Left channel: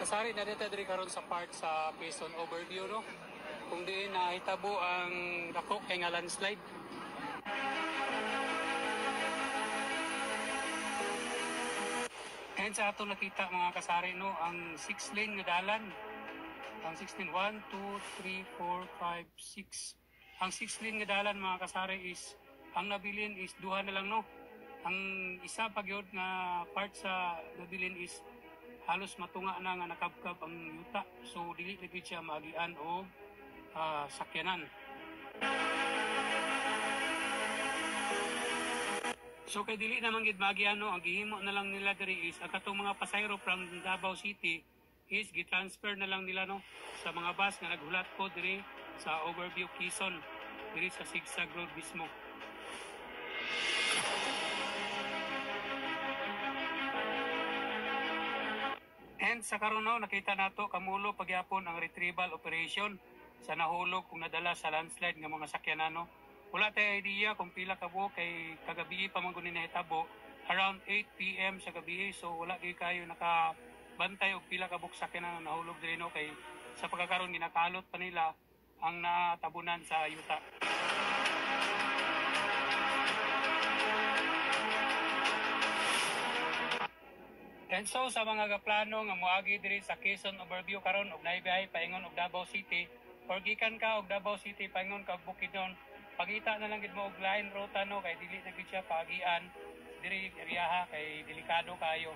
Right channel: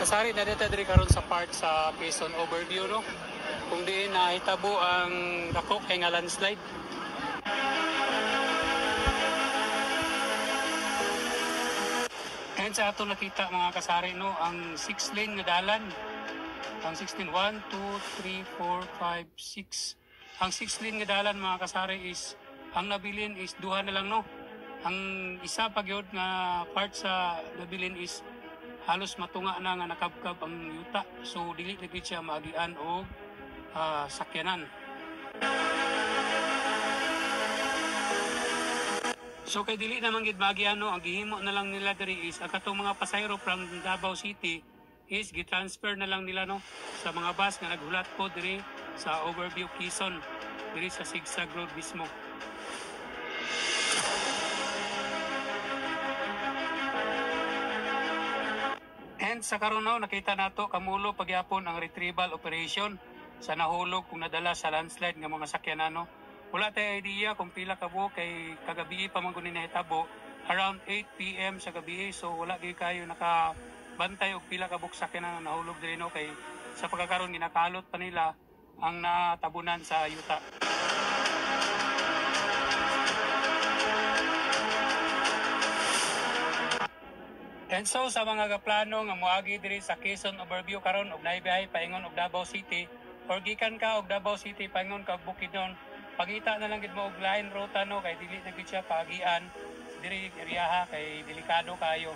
Kasari na dito diri karon sa part sa Quezon overview no. Kung diin nahitabo ang dako kay nga landslide. And sa ato nakita mga kasari no, ang 6 lane nga dalan. Ang 6 lane 1 2 3 4 5 6. Ang 6 lane nga dalan mga kasari is ang nabilin is duha na lang no. Ang isa pa gyud nga part sa nabilin is halos matunga na nga nakabkab ang yuta. So dili na gid siya maagian og sakyanan. So kay dili naman gid maagian no, ang gihimo na lang nila diri is ang katong mga pasayro from Davao City is gi-transfer na lang nila no sa mga bus nga naghulat po diri sa Overview Quezon diri sa Sigsag Road mismo. And sa karon no, nakita nato kamulo pagyapon ang retrieval operation sa nahulog kung nadala sa landslide nga mga sakyanan no. Wala tayo idea kung pila ka buok kay kagabi pa man kunin nahitabo around 8 PM sa gabi, so wala gyud kayo nakabantay og pila ka buok sakyanan nga nahulog diri no, kay sa pagkakaroon ginakalot pa nila ang natabunan sa yuta. And so sa mga kaplano nga moagi diri sa Quezon Overview karon og naibiyahe paingon og Davao City or gikan ka og Davao City paingon ka og Bukidnon, pangita na lang gid mo og line ruta no, kay dili na gid siya paagian diri area kay delikado kayo.